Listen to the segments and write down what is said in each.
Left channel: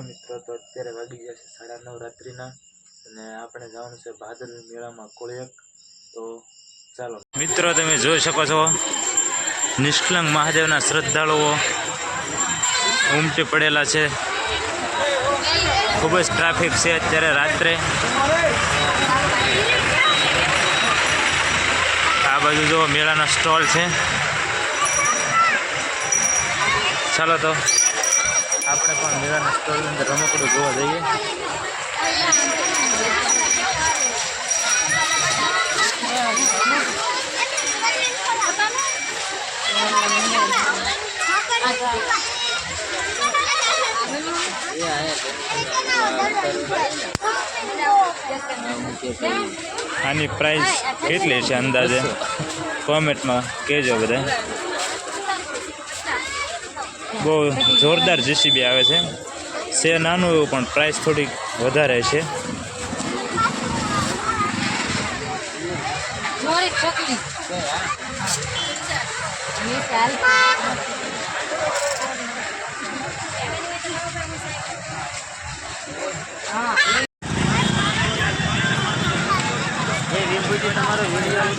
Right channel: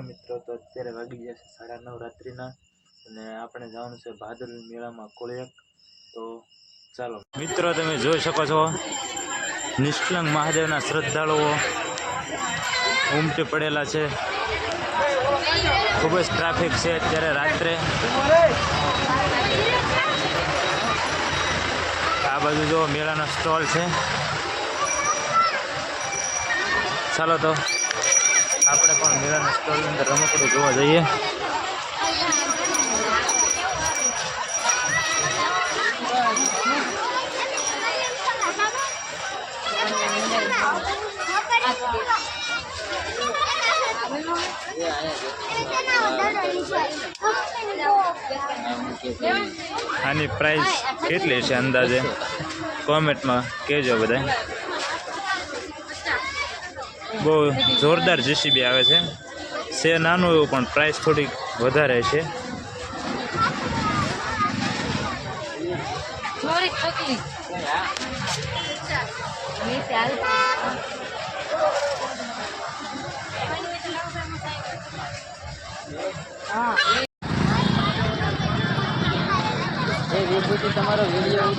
ચાલો મિત્રો, તો અત્યારે વાગી જશે 9:30 રાત્રિના અને આપણે જવાનું છે ભાદલ મેળામાં કોળિયાક. તો ચાલો મિત્રો, તમે જોઈ શકો છો નિષ્કલંક મહાદેવના શ્રદ્ધાળુઓ ઉમટી પડેલા છે. ખૂબ જ ટ્રાફિક છે અત્યારે રાત્રે. આ બાજુ જો મેળાના સ્ટોલ છે. ચાલો તો આપણે પણ મેળાના સ્ટોલની અંદર રમકડું જોવા જઈએ. આની પ્રાઇસ કેટલી છે અંદાજે કોમેન્ટમાં કહેજો બધા. બહુ જોરદાર જેસીબી આવે છે નાનું એવું, પણ પ્રાઇસ થોડીક વધારે છે. તમારો વિડીયો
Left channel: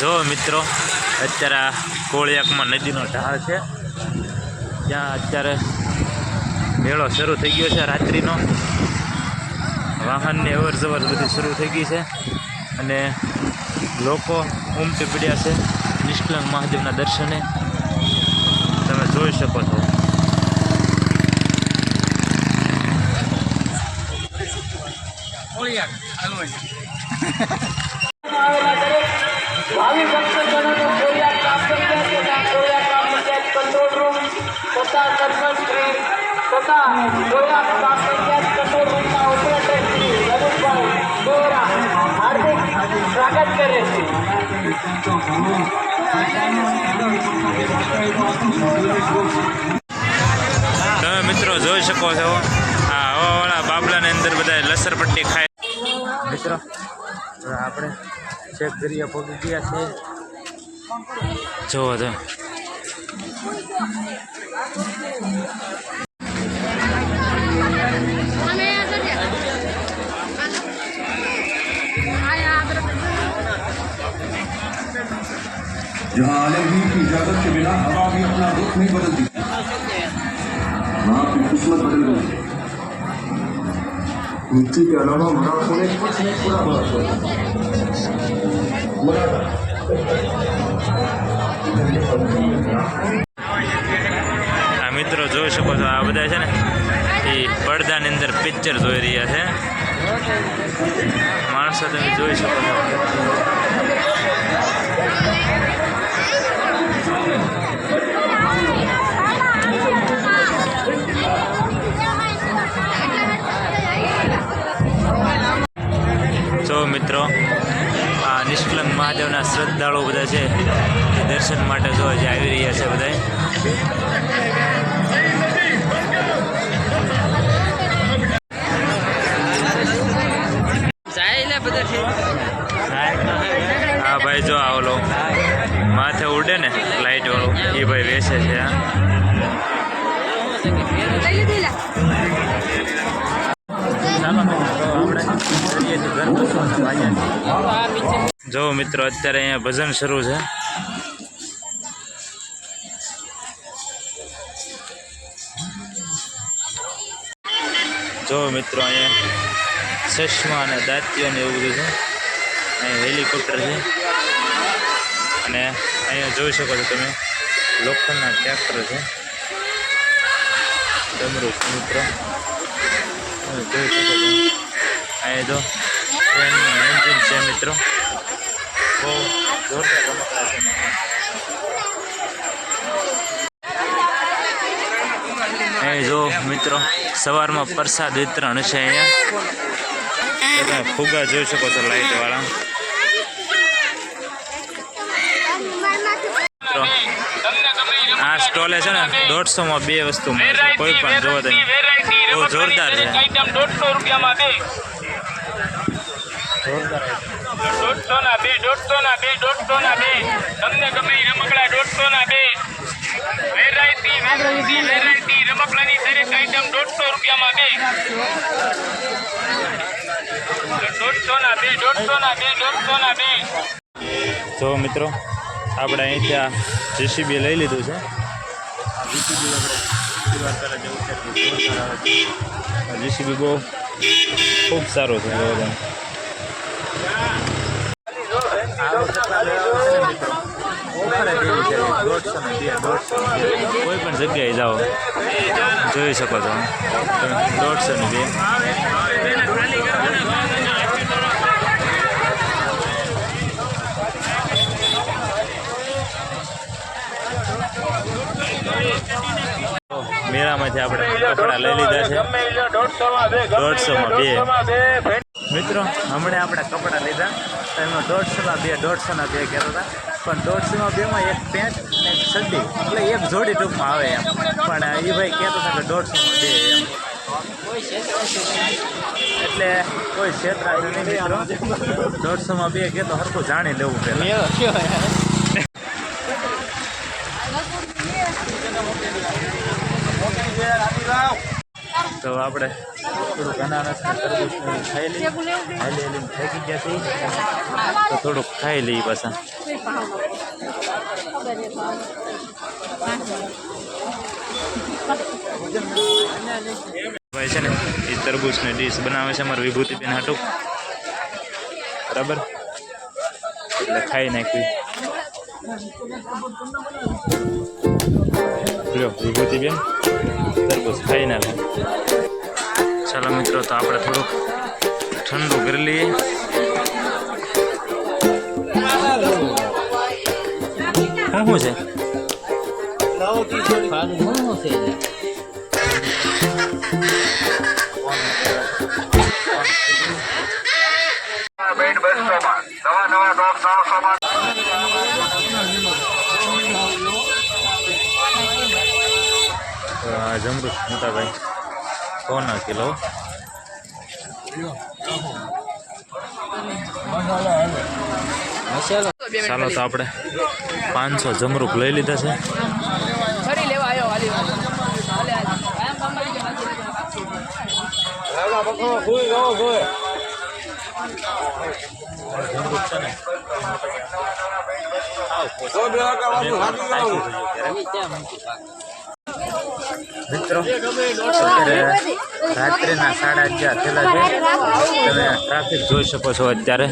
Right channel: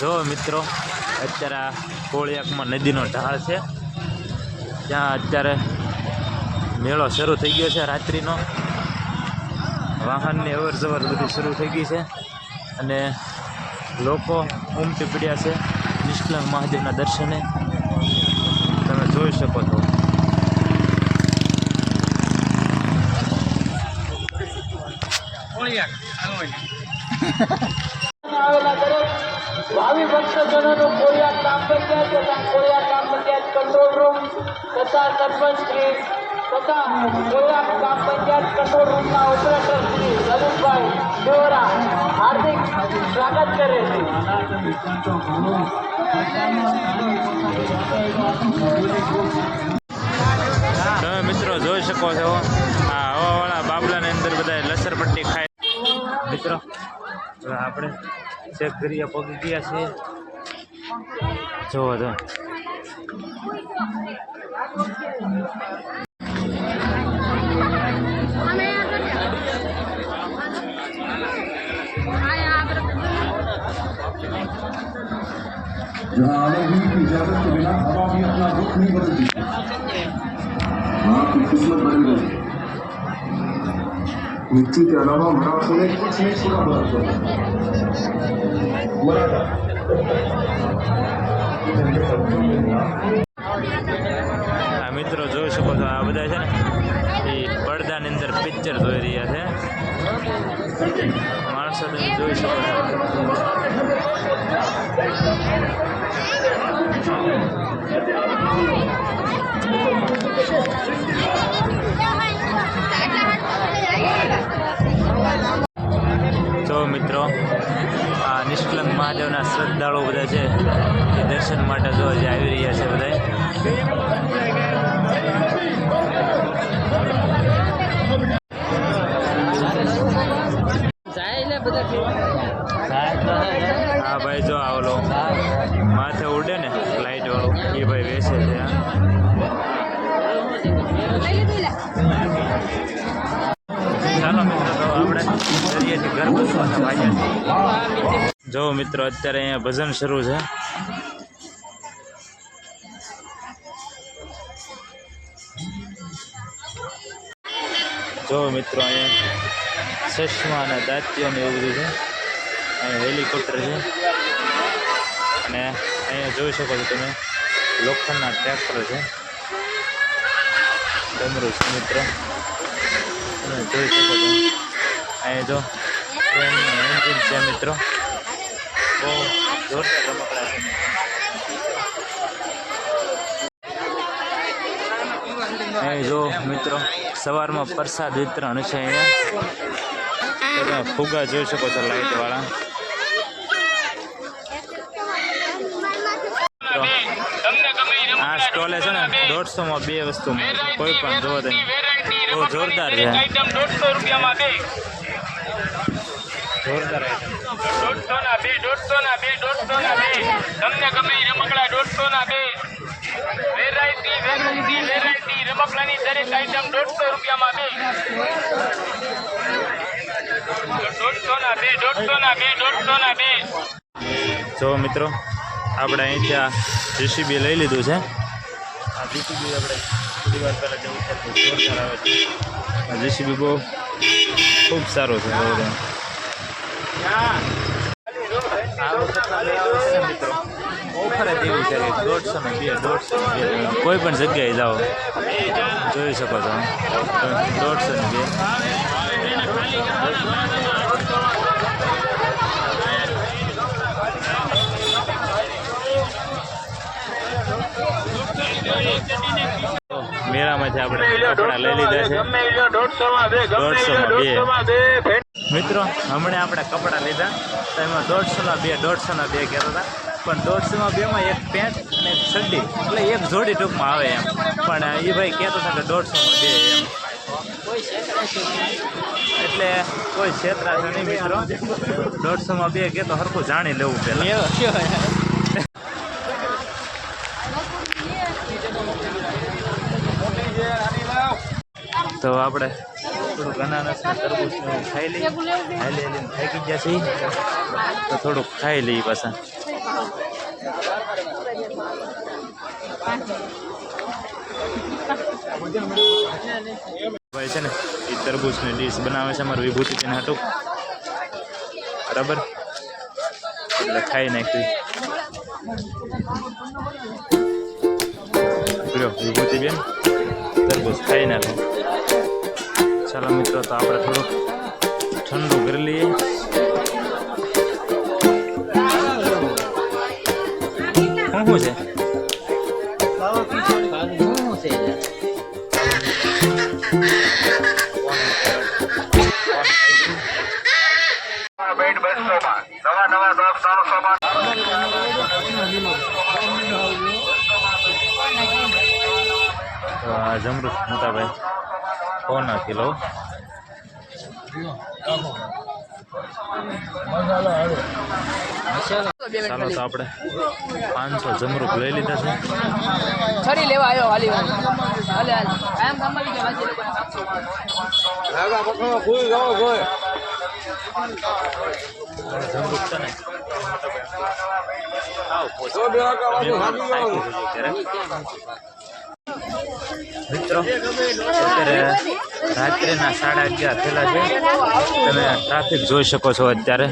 જો મિત્રો, અત્યારે આ કોળિયાકમાં નદીનો ઢાળ છે. ત્યાં અત્યારે મેળો શરૂ થઈ ગયો છે રાત્રિનો. વાહનની અવર જવર બધી શરૂ થઈ ગઈ છે અને લોકો ઉમટી પડ્યા છે નિષ્કલંક મહાદેવના દર્શને. તમે જોઈ શકો છો. ભાવિ ભક્તજનોનું કોળિયાક ગ્રામ પંચાયત તથા કોળિયાક ગ્રામ પંચાયત કંટ્રોલ રૂમ તથા સરપંચ શ્રી તથા કોળિયાક ગ્રામ પંચાયત કંટ્રોલ રૂમના ઓપરેટર શ્રી રમેશભાઈ દોરા હાર્દિક સ્વાગત કરે છે. તમે મિત્રો જોઈ શકો છો આ હવાવાળા બાબલાની અંદર બધા લસરપટ્ટી ખાય. મિત્રો આપણે ચેક કરીએ, પગી ગયા છે. જોવો તો जहाँ आलमगीर की इजाजत के बिना हवा भी अपना रुख नहीं बदलती, वहाँ की किस्मत बन गई. मृत्यु के अलावा मरा सुने कुछ नहीं सुना बहुत. આ મિત્રો જોઈ શકો છો, આ બધા છે ને એ પડદાની અંદર પિક્ચર જોઈ રહ્યા છે. માણસો તમે જોઈ શકો છો. તો મિત્રો, આ નિષ્કલંક મહાદેવના શ્રદ્ધાળુઓ બધા છે એ દર્શન માટે જો જે આવી રહ્યા છે બધા. હા ભાઈ, જો આવલો માથે ઉડે ને લાઈટ વાળું એ ભાઈ વેચે છે. ચાલો મિત્રો, તો આપણે દરિયેથી ઘર બાજુ પાછા ભાગ્યા છીએ. જો મિત્રો અત્યારે અહીંયા ભજન શરૂ છે. જો મિત્રો અહીંયા ચશ્મા અને દાંતીઓ ને એવું બધું છે. અહીંયા હેલિકોપ્ટર છે અને અહીંયા જોઈ શકો છો તમે લોખંડના ટ્રેક્ટર છે. ડમરું છે મિત્રો, તમે જોઈ શકો છો. અહીંયા જો ટ્રેનનું એન્જિન છે મિત્રો, બહુ જોરદાર રમકડા છે મિત્રો. અહીં જો મિત્રો સવારમાં પ્રસાદ વિતરણ છે અહીંયા. તો તમે ફુગા જોઈ શકો છો લાઇટ વાળા. મિત્રો આ સ્ટોલે છે ને 150માં 2 વસ્તુ મળે છે. કોઈ પણ જોવો તમે, બહુ જોરદાર છે. જોરદાર આઈટમ. 150 તમને ગમે રમકડા 150 વેરાયટી રમકડાની દરેક આઈટમ 150 રૂપિયામાં 2. જો મિત્રો આપણે અહીંથી આ જીસીબી લઈ લીધું છે. આ જીસીબી આપણે થોડી વાર પહેલાં જેવું છે જોરદાર આવે છે. આ જીસીબી બહુ ખૂબ સારું છે. જો તમે આ વખતના મેળાઓ છે ને મિત્રો, ઓફર જ એવી છે કે 150 ને 2, કોઈ પણ જગ્યાએ જાઓ જોઈ શકો છો. 150 ને 2. મેળામાંથી આપણે કપડાં લઈ લીધા છે 150માં 2. મિત્રો હમણાં આપણે કપડાં લીધા તો એમાં 150માં 2 કહેતા હતા, પણ 150માં 2માં એક પેન્ટ અને એક ચડ્ડી, એટલે એક જોડી ટૂંકમાં આવે એમ. પણ એ ભાઈ કહેતો હતા કે 150માં 2 એમ. એટલે કોઈ છેતરાશે નહીં મિત્રો. 150માં 2 કહેતો સરખું જાણી લેવું પહેલાં. તો આપણે થોડુંક અનાનસ ને તરબૂચ ને એવું ખાઈ લઈએ. હાલી થાકી ગયા છીએ તો થોડુંક ખાઈ લઈએ પાછા. ભાઈ છે ને એ તરબૂચની ડીશ બનાવે છે અમારી વિભૂતિબેન હાટું, બરાબર, એટલે ખાઈ નાખ્યું. લ્યો વિભૂતિબેન તરબૂચ ખાઈ નાખો. ચાલો મિત્રો તો આપણે થોડુંક ઠંડુ કરી લઈએ. શું છે? જમરૂખ મોટા ભાઈ 100 કિલો. ચાલો તો આપણે 500 જમરૂખ લઈ લીધા છે. ફરી લેવા આવ્યો હાલી હાલે હાલે કાયમ ગામમાં જમરૂખ છે ને મિત્રો અત્યારે રાત્રિના 11:30 થયેલા છે. તમે ટ્રાફિક જોઈ શકો છો અત્યારે.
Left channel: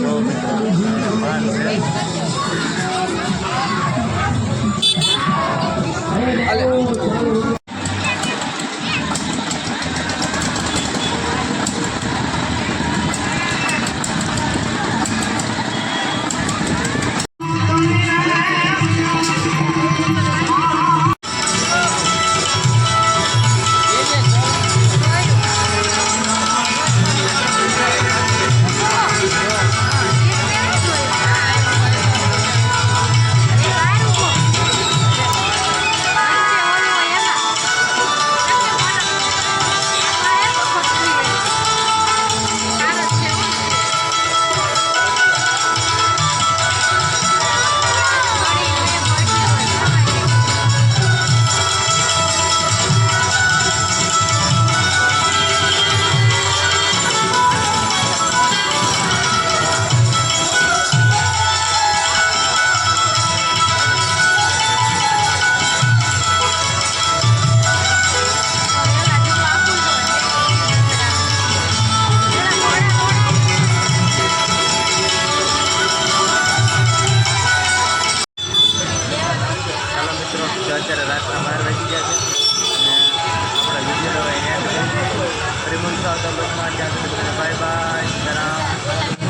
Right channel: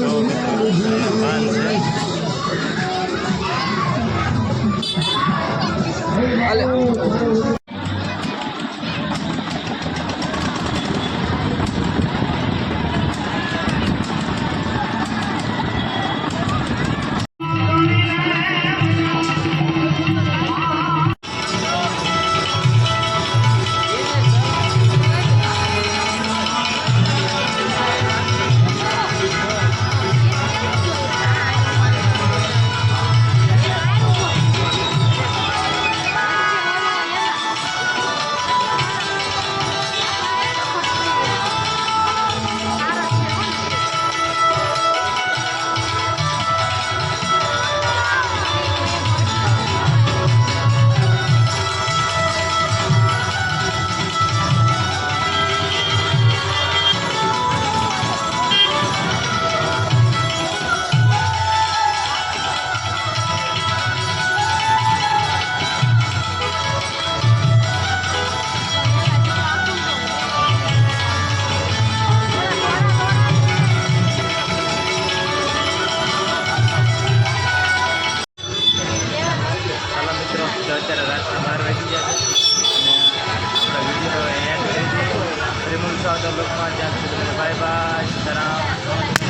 જો મિત્રો પાન છે. અત્યારે રાતના 12 વાગી ગયા છે અને આપણા વિડીયો એન્ડ કરી દઈએ. ફરી મળશું આવતા બ્લોગમાં. ત્યાં સુધી બાય બાય. સીતારામ.